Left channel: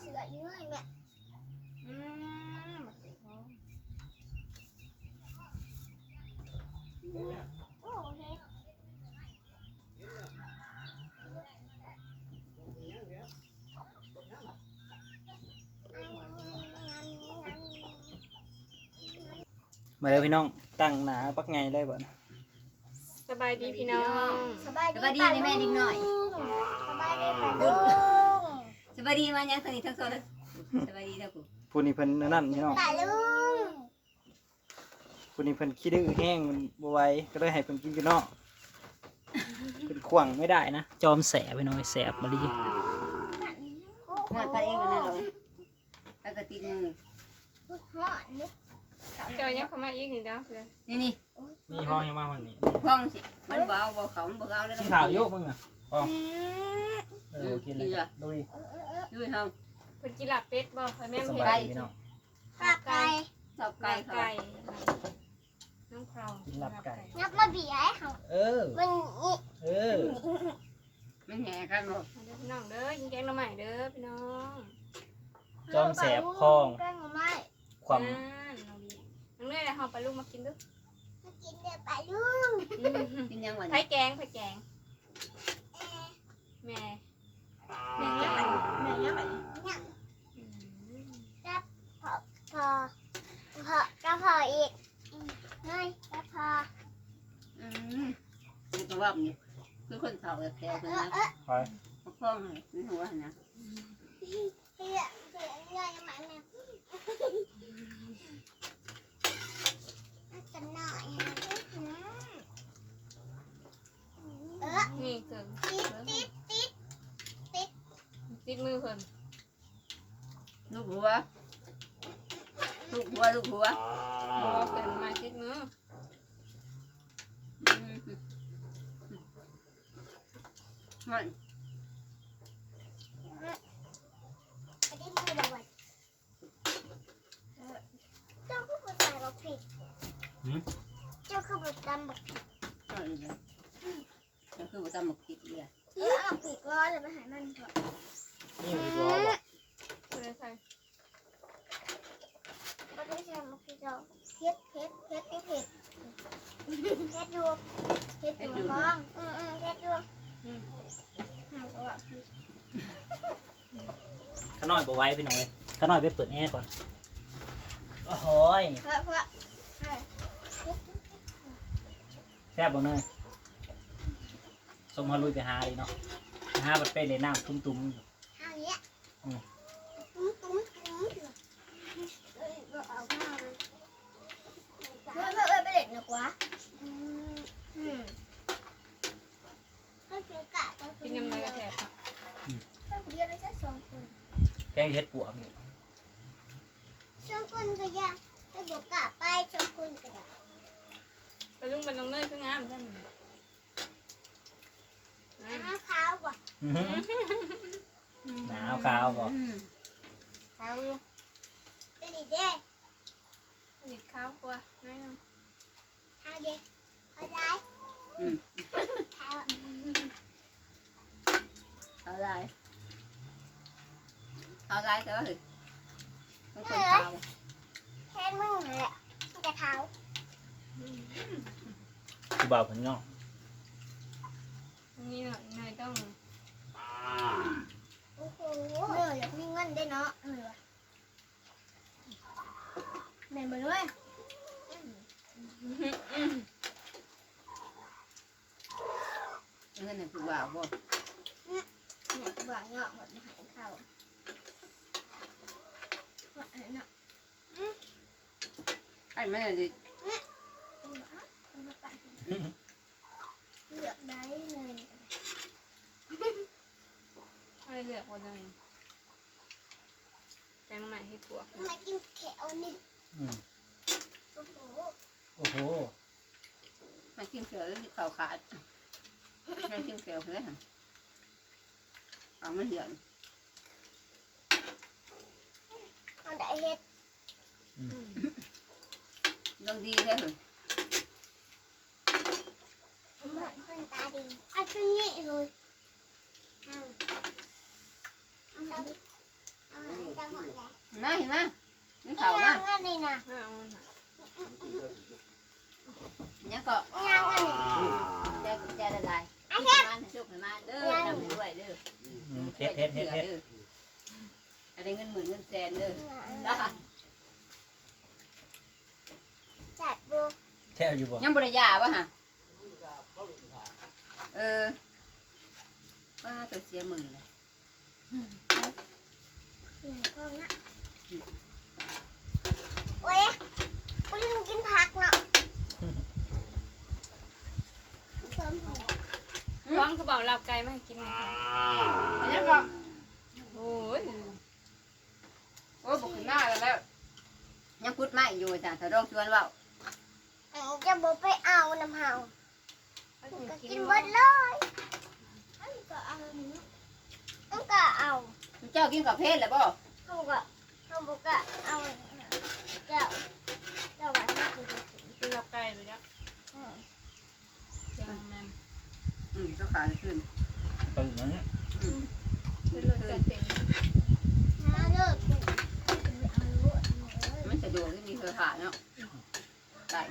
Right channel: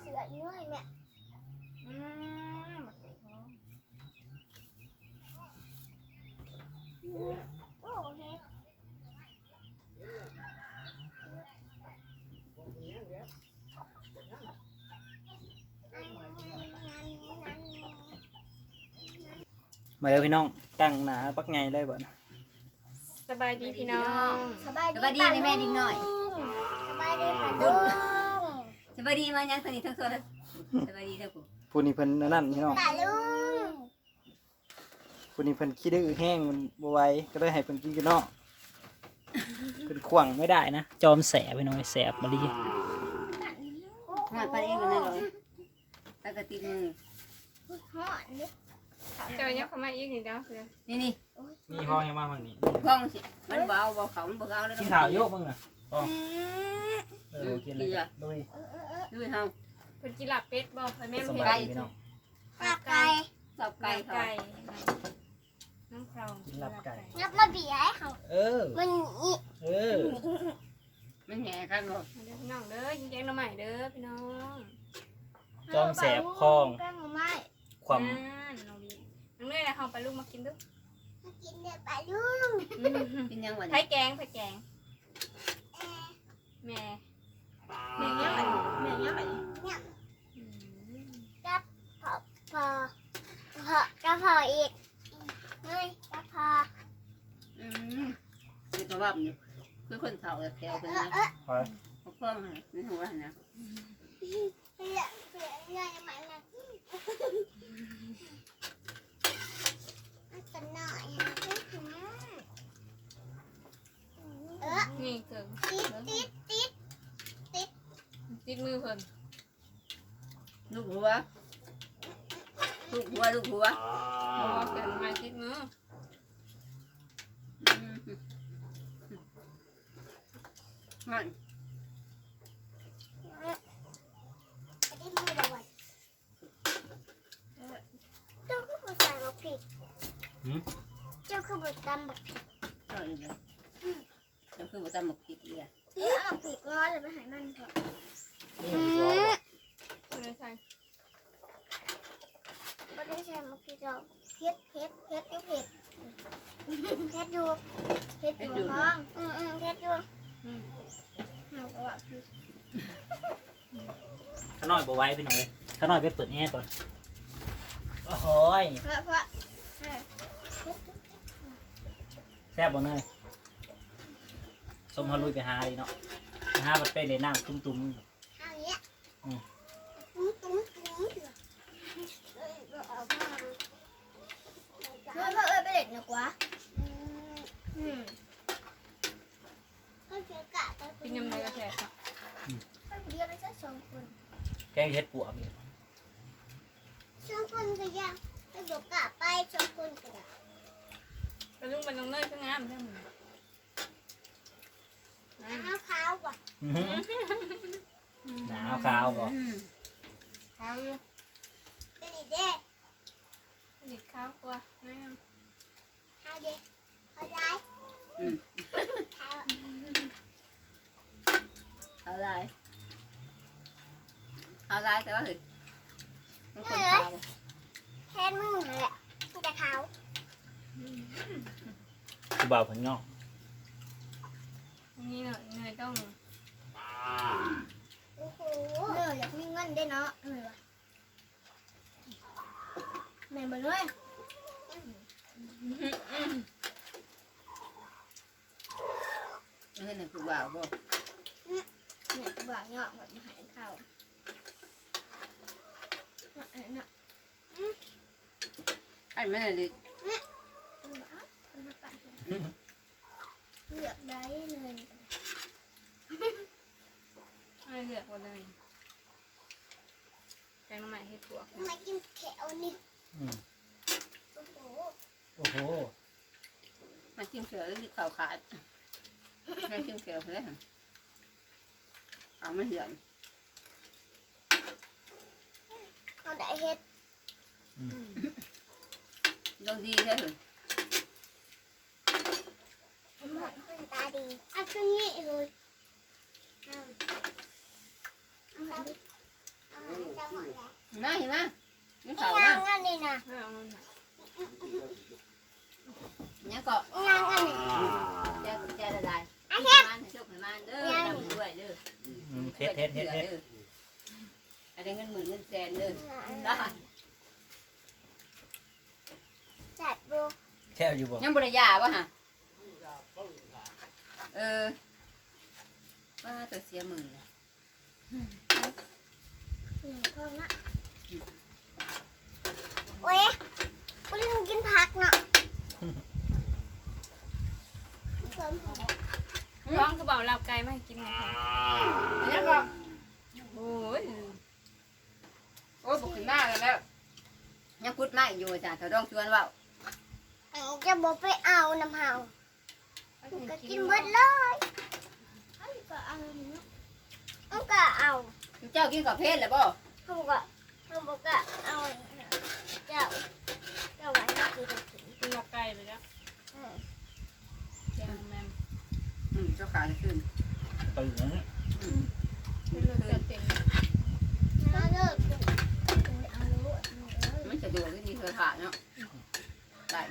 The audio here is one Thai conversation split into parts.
เสือเนื้อยแม่อืมบักเตะทองโอ้เฮ็ดอันนั้นอันนั้นมาแล้วพี่น้องตั้งหนาปักไงได้บ่นะสบายดีพี่น้อง สบายสบายดีในแม่ดิ้งหน่อย สบายดีป่ะลุงส บายดีมายังสนิททั้งโซนสบายดีเด้อปู่ผู้นี้เพิ่นนั่นพี่น้องป่ะลุงผู้นี้เพิ่นขี้ดื้อแห้งมันบ่ไหวก็เลยให้เพิ่นกินกันเนาะเพิ่นขวางไม่ได้นะ จอมแสบไปหน่อยแสบมาดีหอดไปเองกันนะเลยแล้วก็ติดมือหอนนี่เจ้ายังเข้ามาอีกนี่เด้อเพื่อนนี่นี่นี่ห้องยังมาวันนี้พ่องสิมันเบาเบาเขามันเบาแล้วกินข้าวโยกมึงอะอืมเออ กินเลยลุยเออเออเออด้วยเฮาเพิ่นกินลาบเป็ดบ่เพิ่นแม่นสเพิ่นบายดีพี่น้องกลับไปสับไก่เขาไก่น้องคราวกินลาบไก่งับมาเบียให้เขาเออมันอีเออมันแหน่กันหมดมาเด้อพี่น้องเด้อกินแกงหน่อไม้เด้อพี่น้องจอมแสบคลองแป้งหน่อไม้ความอ่าน้องบีน้องเนยนะเฮาไปลูกมากินเด้อมากินเด็ดป่ะลุงกินยังวันไผแกงไผแกง แม่แม่ยังไงแม่ยังไงเนี่ยอืมพอพอกระเพาะอีกเฮ้ยกระเพาะอืมนี่ก็ว่าอยู่คือคนเฒ่าแถวเอเป็นอนะเออไปพ่องในหัวนะเสือเสือใหญ่มันนะมันจะหน่อยนะเออนี่เกิงติด ติดติดติดมือเพิ่นลูกหัวลูกหัวลูกหัวบ่เกิงมาติดมือมันอันนี้มือละวันเจ้าคือผู้ชายบอกผิดเจ้าคือผู้ตำบอกผิดต่อยเลยจะคือว่าตำหมกผิดเลย เออเอาผิดร้อยเลยไปหายมันเถอะ นี่มันจะเอาบ่เพิ่นใส่ก็ไม่ใช่มันคือเราเผ็ดเผ็ดเผ็ดอยู่เผ็ดเผ็ดอยู่เผ็ดอยู่ท้องอืมอืมเผ็ดอยู่อืมเอาก็ว่าผิดข้าน้อยบ่ไหว้พี่น้องเลยข้าน้อยไปเปิดแอร์ก่อน โอ้โหยเพราะเพราะเออเผ็ดแซ่บบ่เนยสมฮาลุยไปหาดีเนาะหาบัดไปเลยน้ำตุ้มๆ เอาอย่างเงี้ย อืม ตุ้มตุ้มตุ้มเอ้ยก็เอาผ้าเลยเฮ้ยเฮ้ยเอ้ยไปเด็ดหนักวะอืมอืมก็เสือกะไปกินยำเลยกระแทกเนาะไปคนเดียวเลยแค่สองคน แกงเห็ดปวกนี่สองคนก็ยังไปบอกกะไปสองคนก็ได้ ไปลุงเป็นน้องเนยก็งามใช่มั้ย น้ำขาวกว่า อื้อหือหนาวขาวบ่ ขาวอยู่ เป็นอีเด้ สีขาวกว่าแม่ เอาเด้เอาได้เอาเอาลายเอาลายแต่ว่าเฮ้ยมันคนขาวแค่มึงเลยอะมันจะขาวกูบ่าวผมเนาะนี่เนาะเนยต้องโอ้โหเอออยากมีเงินได้เนาะเออว่ะแม่นบ่ด้วย เงินน่ะคือว่าวบ่แม่บ่าวเงาะแบบมาหายข้าวเนาะเนาะไอ้แม่ดิเอามาปั่นเลือกได้เลยอะไรเลือกหมดเลยแกงหน่อไม้ให้ปวมากินแถวนี่ โอ้โหมากินเขียวแล้วขาวขาดให้กินเขียวเลยเอาไม่เหือนเอาได้เฮ็ดลองดีแท้เลยมันเป็นตาดีเอาตัวนี้เลยเอาเอาเอามาเห็นไหมนี่นี่เขามา ยังอันนี้นะไม่เอาเงินหาเนี่ยก็นี่ยังอันนี้แกแกละลายมันชุบให้มันเด้อทำด้วยเด้อเฮ็ดเฮ็ดเฮ็ดเฮ็ดอะไรเงินหมื่นเงินแสนเด้อได้จัดบูแช่อยู่บ่ยังบริยาป่ะฮะเออว่าตัวเสียหมื่นเลยหนึ่งคนละโอ้ยคุณลุงกินผักเนาะ ร้องก็บอกเราไก่ไม่ให้กินนะคะเนี่ยก็โอ้ยโอ้บุกขึ้นมาแล้วแล้วยังพุดมาอยู่จ้ะถ้าร้องชวนว่าเอาจะบอกไปเอาน้ำเฮาให้ก็กิกินนหมว่าดเลยอันก็เอาอันก็เอาเจ้ากินกับเพศแล้วบ่เขาบอกว่าเขาบอกว่าเอาเจ้าเจ้าไว้ให้กินกินเราไก่ไปแล้วแกงแมม อืมเจ้าขาจะขึ้นตื่นแล้วเนี่ยอืมเป็นรสจัดเต็มมาเลิกกูเอาลูกเอาเลยมันสะดวกที่มีเครือข่ายเนาะไก่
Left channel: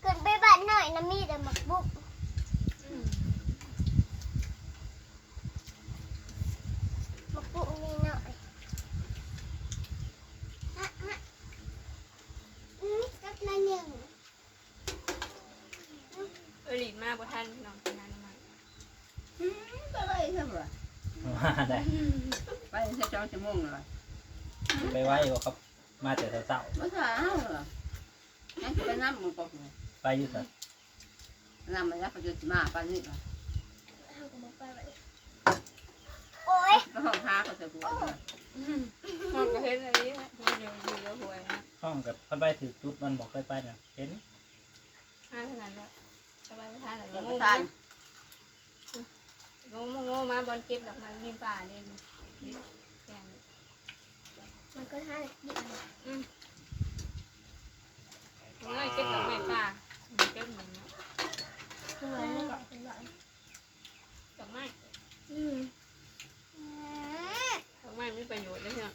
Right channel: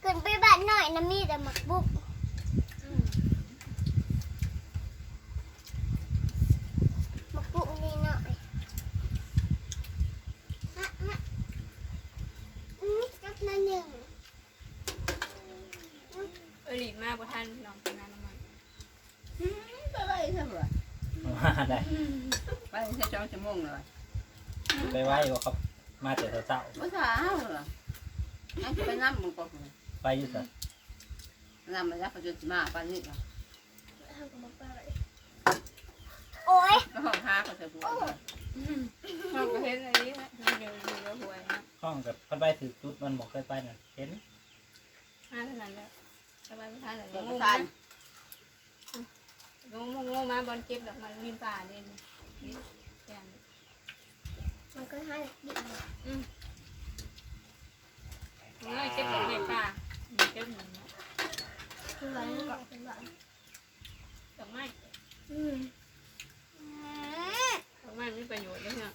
เกินไปบ้านหน่อยนะมีแต่หมกบุก อืม หมกบุกนี่หน่อยฮะฮะอืมจักมาหนึ่ง เออหลีมากกว่าท่านน้องเป็นน้ำมัน ไปไป ใช่ไหมมาได้ไปใช้สองชั่วโมงเลยไปไว้บ่ครับ มาแต่เช้าภาษาเหรอนั่นจะไปน้ำมึงปอกเลยๆไปอยู่ซะน้ำมันแล้วเขาจะมาปานนี้เหรอเอาก็บอกไปไว้โอ้ยแล้วห้องค้าเขาจะบวชเลยห้องก็เห็นอะไรนี่นะเดี๋ยวดูแล้วหวยนะห้องกับเพิ่นไปถือจุดมันบอกเคยไปน่ะเห็นห้าเท่านั้นแล้วสบายไม่ทานเลยเด็กงประงธาน งงงงมาบอลเก็บดอกไม้มีป่าเลยแกงมันก็ให้ดิบง่ายเก็บดอกไม้ป่าเก็บหนึ่งคือไว้แล้วก็เป็นแบบดอกไม้อืมดอกไม้มีประโยชน์ด้วยเนี่ย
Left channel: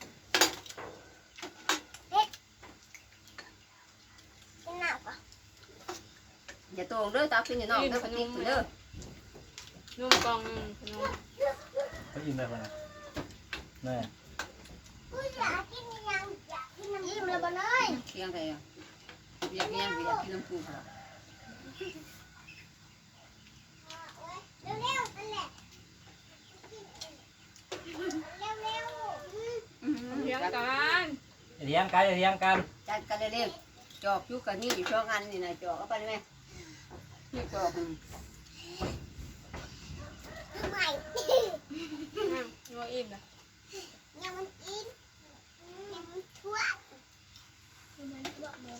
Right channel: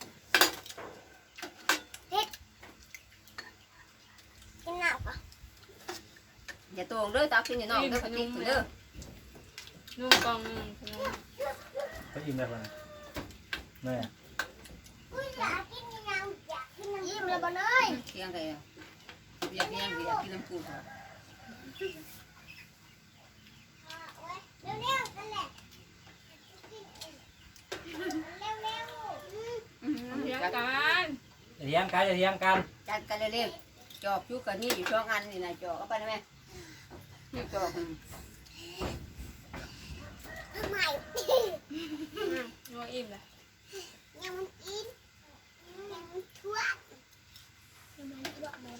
กินหนักปะอย่าตรงเด้อตาขึ้นอยู่นอกเด้อปฏิกิเด้อ นุ่มกองขนมเขายิงไปคนน่ะแม่อยากกินยังอยากกินยังยิ้มเลยบ้านเอ้ยเที่ยงไงอยากกินยังอยากกินน้ำปูเหรอเร็วเร็วนั่นแหละเร็วเร็วเลี้ยงกันอย่าเถียงกันอย่าเถียงกันจัดกันเร็วๆจอกชุกกันนี่อยู่ช่องอันนี่นะจอกเอาไปได้ไหมนี่จอก ทำไมนัวอิ่มเลยยังมันกินยังมันทั่วยังมันทั่วเลย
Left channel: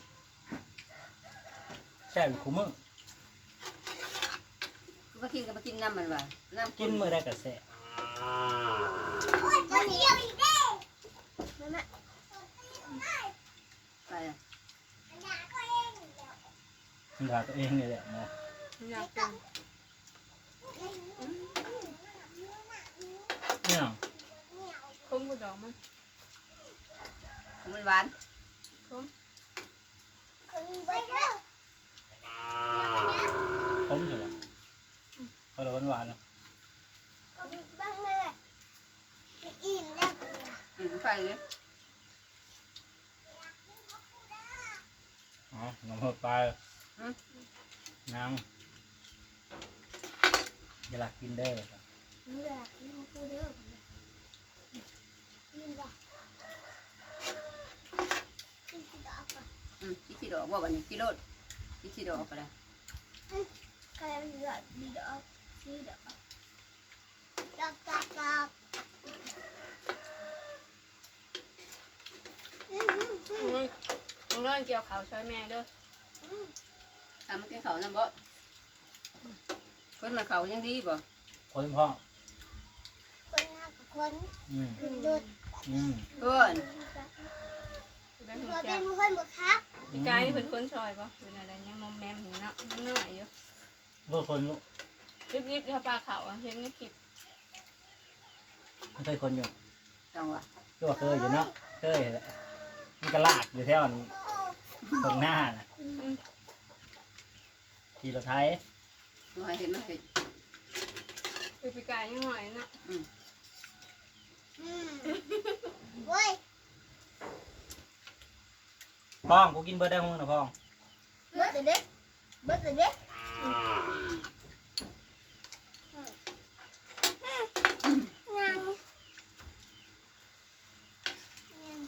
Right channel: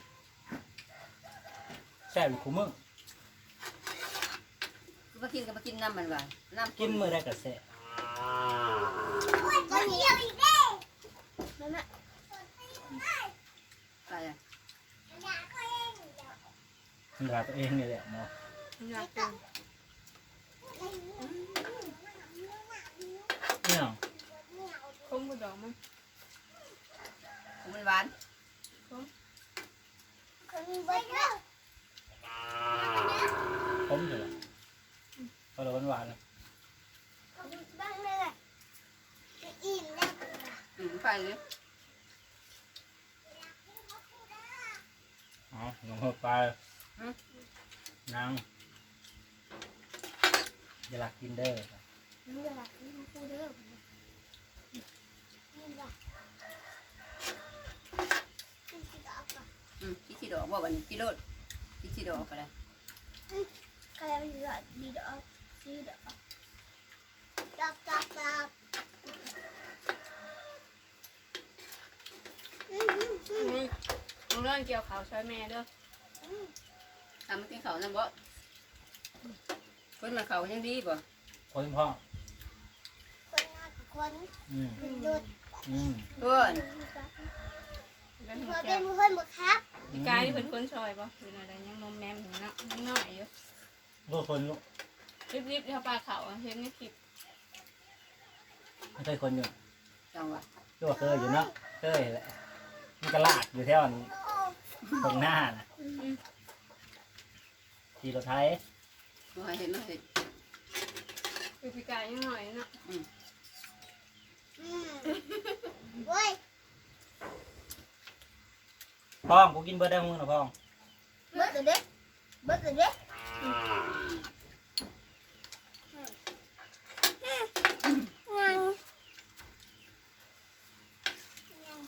แช่อยู่คู่มึงมากินก็มากินน้ำมันว่ะน้ำกินมื้อได้ก็แซ่โอ้ยตัวเดียวอีกแล้วนั่นแหละไปอะมันว่าตัวเองนี่แหละเนาะ อยากกินเนี่ยคุ้มกับดอกมันมันหวานคนไปเร็วผ นๆนะบ้างเลยอิ่แล้วอืมไปเลยอ๋อน้องเฮาไปนางอย่าหลักกินเด้อมันอยากกินของกูเด้อกินว่ะกินกี่ดอกอะอืมที่ที่ดอกว่าวันนี้กิโลดที่ที่ดอกไปเลยใครมันอยากดีดอกดีดอกดอกดอกดอกอืมอืมอืมน้องน้อยเกี่ยวเขาช่วยแม่ด้วยอืมทำมันกินเขาน้ำบ่คนมันเขายังดีบ่คนพ่อ คนหน้ากับคนอืมคนดุดอืมเพื่อนเป็นเธหัวอแก้เป็วนคนหมดครับพี่กายนี่เป็นคนซอยปะอยู่ในอะไรยังมอมแมมอยู่เนาะยังน้อยอยู่ลูกคนลูกรีบๆเท่าปลาเขาเห็นในคลิปไม่ใช่คนอยู่จังหวะตัวเคยอยู่เนาะเคยแหละมันก็ลากอยู่แถวนี้ตรงหน้าน่ะขี่รถไทยว่าเห็นมันเห็นคือปีกายยังหน่อยเนาะอืมเว้ย พ้องกูกินเบิร์ดได้ห้องนะพ้องเบิดเด็กเบิดเด็กยังยัง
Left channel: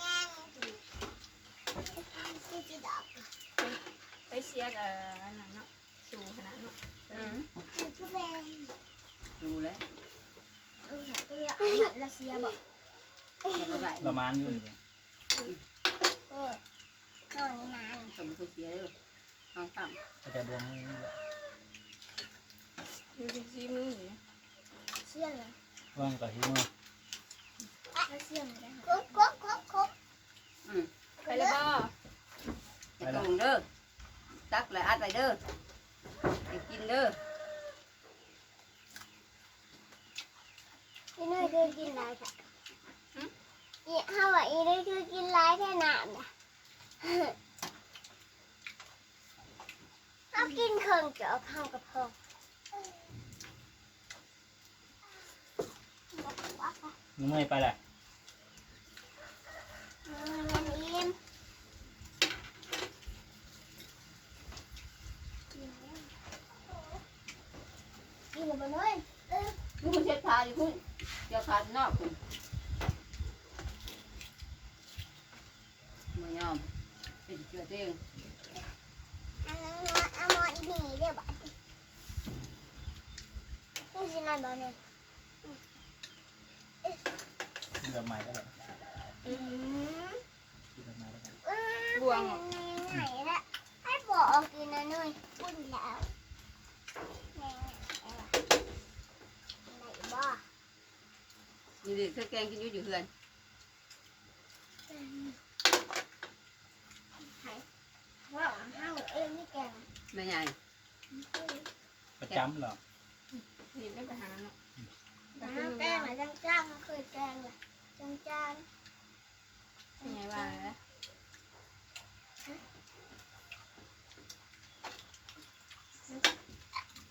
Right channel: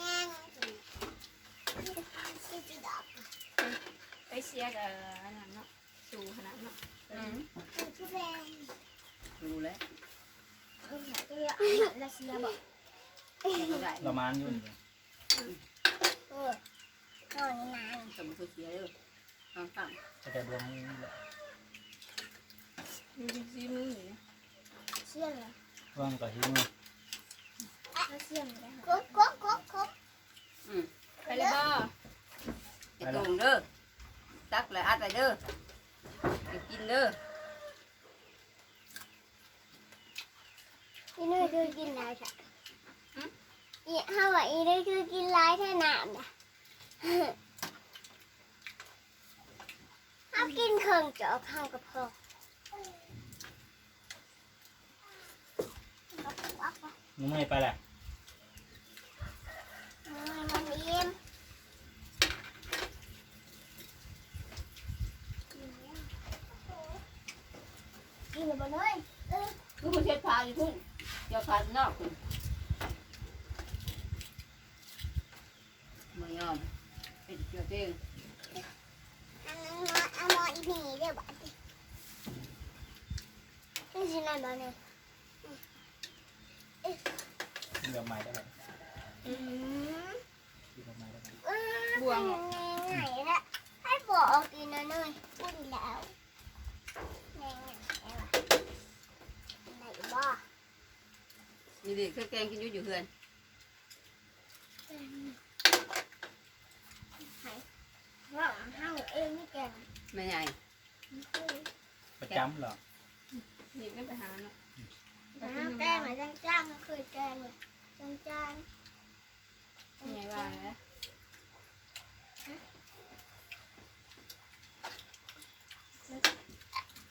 ยังสิจิดับไปเสียกับอันนั้นเนาะสู่ขนาดเนาะอืมทุเรศดูแล้ว เอาหาตัวอย่างอาหารรัสเซียบอกแล้วก็ได้ประมาณอยู่นี่เออนอนนานสมบูรณ์เสียเลยทางต่ำก็จะรวมนี่แหละมีซีมืออยู่นะเชี่ยเลยรวมกับที่มือรัสเซียไม่ได้คุกคุกคุกคุกอืมไปแล้วบ่จะตรงเด้อตักแล้วอัดไปเด้อจะกินเด้อ อีนุ้ยคือกินไรค่ะอีถ้าว่าอีนุ้ยคือกินไรแค่น้ำนะเอากินเครื่องเจาะข้างกับพ่อนี่มือไปแหละมันอิ่มกินแล้วบ่เลยเออคือมันเช็ดผ้าอยู่พุ่น เดี๋ยวขาดนอกคุณไม่ยอมเป็นเกลือเต้งเอาหมออีนี่เด้อบัดนี้นี่สิไหนบ่เนี่ย เรือไม้ได้เลย อืม กินเรือไม้ได้เลย บวงเหรอ ไหนละให้บอกกินนะนุ้ยพูดแล้วไหนไหนไหนไหนบ้า มีเด็ กเครื่องแกงกินอยู่อยู่เพื่อนว่าห้าวเองนี่แกงไม่ใหญ่ประจำเหรอหยิบไม่ไปหาเนาะห้าวแกงไหนจังจ้างก็เคยแกงเลยจังจ้างเป็นไงบ้างนะ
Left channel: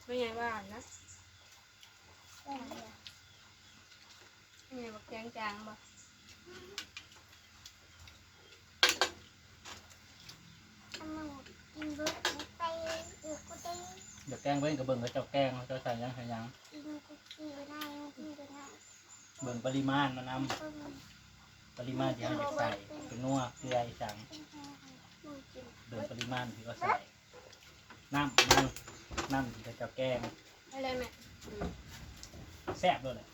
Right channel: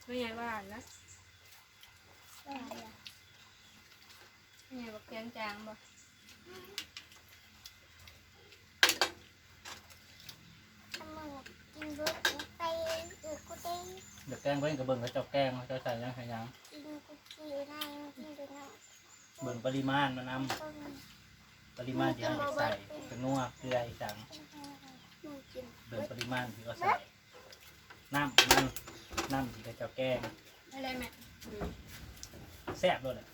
เป็นไงบ้างนะแกงเลยเป็ นไงบอกแกงจางบ่ทำมันกินเบิร์ดกินไตอือกูเต้เดี๋ยวแกงเบิ้งกับเบิ้งกับเจ้าแกงเขาจะใส่ยังไงยังกินกูกินนั่งกินกูนั่งเบิ้งปริมาณมานต้มำปริมาณที่เขาจะใส่เป็นนัวเกลืออีสังมึงกินเบิ้งปริมาณที่เขาใส่น้ำน้ำน้ำที่เขาเจ้าแกงอะไรแม่แซ่บด้วยเลย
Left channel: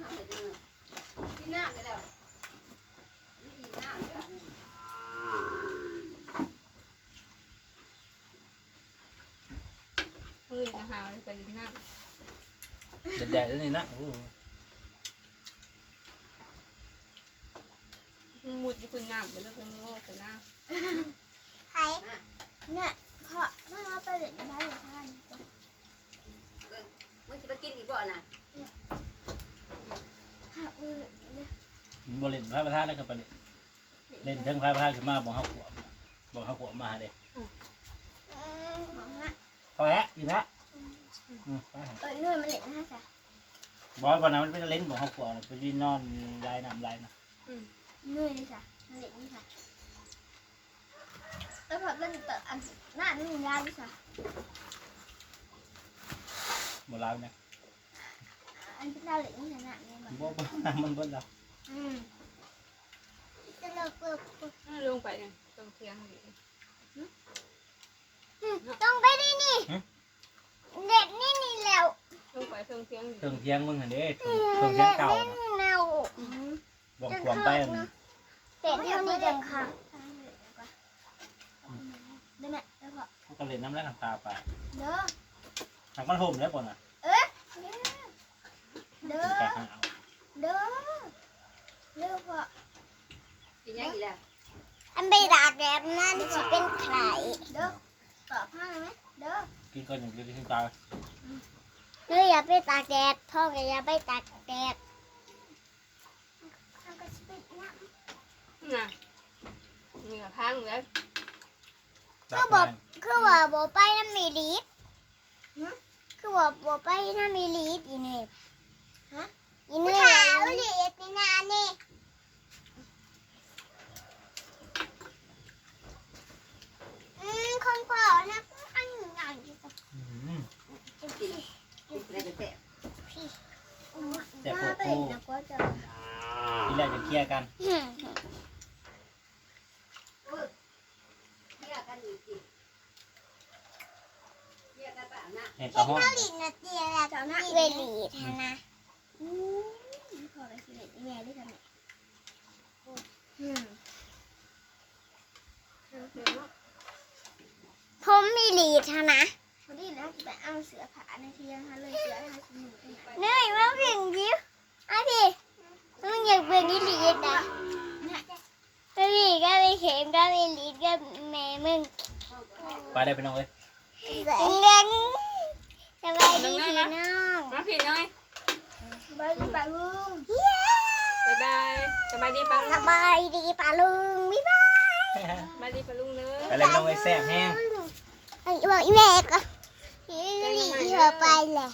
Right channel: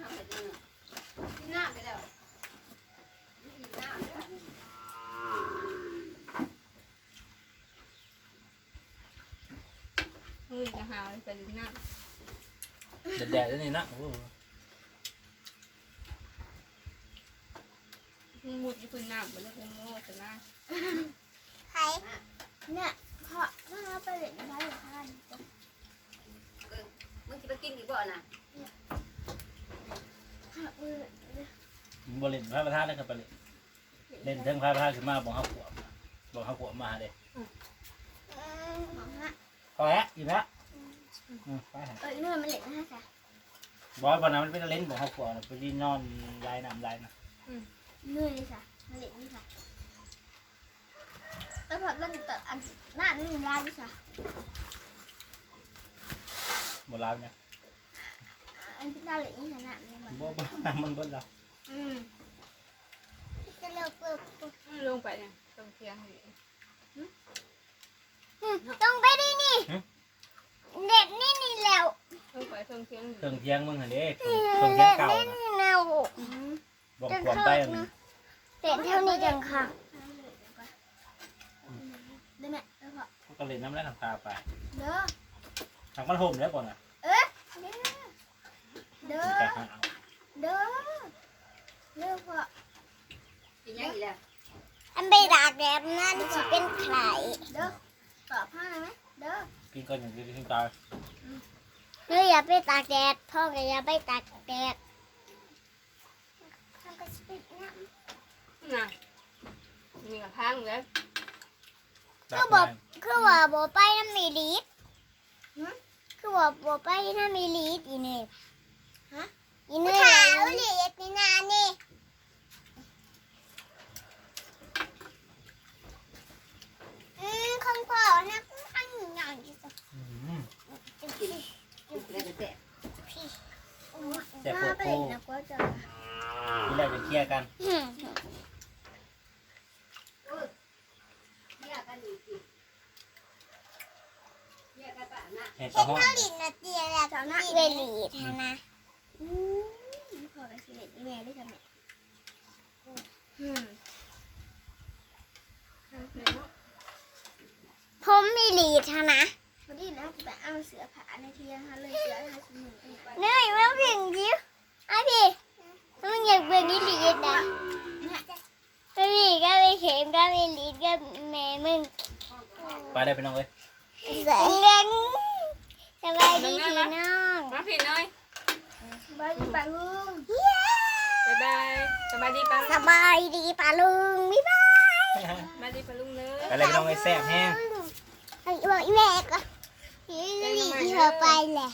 ยังทำไปจริงกินน้ำไปแล้วกินน้ำไปแล้วมือจะหาวไปลิ้นน้แดดๆด้วยนี่นะโอ้โหมุดอยู่คุณน้ำไปแล้วคุณโง่แต่หน้าใครเนี่ยเพราะถ้าเราไปเล่นบ้านหรือท่านมึงจะไปกินอีกบ่น่ะ ถ้าอือบ่เล่นพระประธานได้ครับไปเล่นเล่นเทั้งพระประธานขึ้นมาบอกเขาขวบบอกเขาขวบมาเด้อืมของฮะพอแล้วอีกแล้วอืมไปหาเอ้ยนู่นมันเล่นนะจ๊ะบอยวันนั้นมันเป็นเล่นบอกเขาขวบนะไปที่นอนลายน้ำลายนะนู่นเลยจ้ะมันเล่นนี่ค่ะแล้วพอเล่นแต่อันหน้านี่มันยาวดิจ้ะบ่ลาวเนี่ย อันที่เราเล่นนี่ขนาดนี้มันบ่บ่น้ำมันเบิดแล้วอืมจะเลิกเลิกลงไปเนี่ยตรงเทียงอยู่ต้องไปดินี่เด็กนี่นี่แล้วลงไปตรงเทียงอยู่เครื่องเทียงมึงเห็นเด้เครื่องเครื่องเทียงเก่านะเน่าบอกขวบไปอันเด็กเท่านี้เองค่ะเดี๋ยวแม่เดี๋ยวพอกูก็เล่นน้ำแล้วน้ำตาไปเด้อทางมันห่มแล้วก่อนนะ เด้อ เด้อ เด้อพ่อกินยังอีกแล้วอันไปดากแดดนั่นจะเป็นใครเด้อตอบพ่อหน่อยไหมเด้อ พี่ก็ยังกินตายเฮ้ยอย่าไปตากแดดพ่อก็อย่าไปตากแดดน่ะมีกระพังเลยก็อบอกคือว่าบอกไปน้ำมีลีดคือว่าบอกไปน้ำมีลีดอีเนี่ยาวลีดนี่นานี่อืมคนเปล่านะอันใหญ่ที่สุดอืมลูกได้แต่แต่โปว่าโปเป็นนะก็จะที่แรกจะเคลียร์กัน อืม เรียกกันอีกสิเรียกกันป่ะนะ แห่งกระห้อง ลีดนะเตียแล้วเจ้าหน้าเวลีดนะอืมขอไปสิเลดอีเมลด้วยกันเนี่ยอืม ผมมีลีดนะ พอดีนะจะไปเอาเสือผาในเทียงค่ะเลยเสือหาชิ้นหนึ่งเนยมาเพ่งยิ้วอะพี่มึงอยากเป็นนี่ลีดนะก็พี่ก็ไปเข็มก็ไปลีดก็แม่มึงไปได้พี่น้องเอ้ยเงินสบายดีพี่น้องมาผิดเลยสบายดีป่าลุงบ๊ายบายสบายดีปังสบายดีป่าลุงบ๊ายบายสบายดีปะลุงเลยไปเลยพี่น้องเอ้ยแซ่บแห้งไอ้บอกอีแม่ก็ลีด ที่เราไปแหละ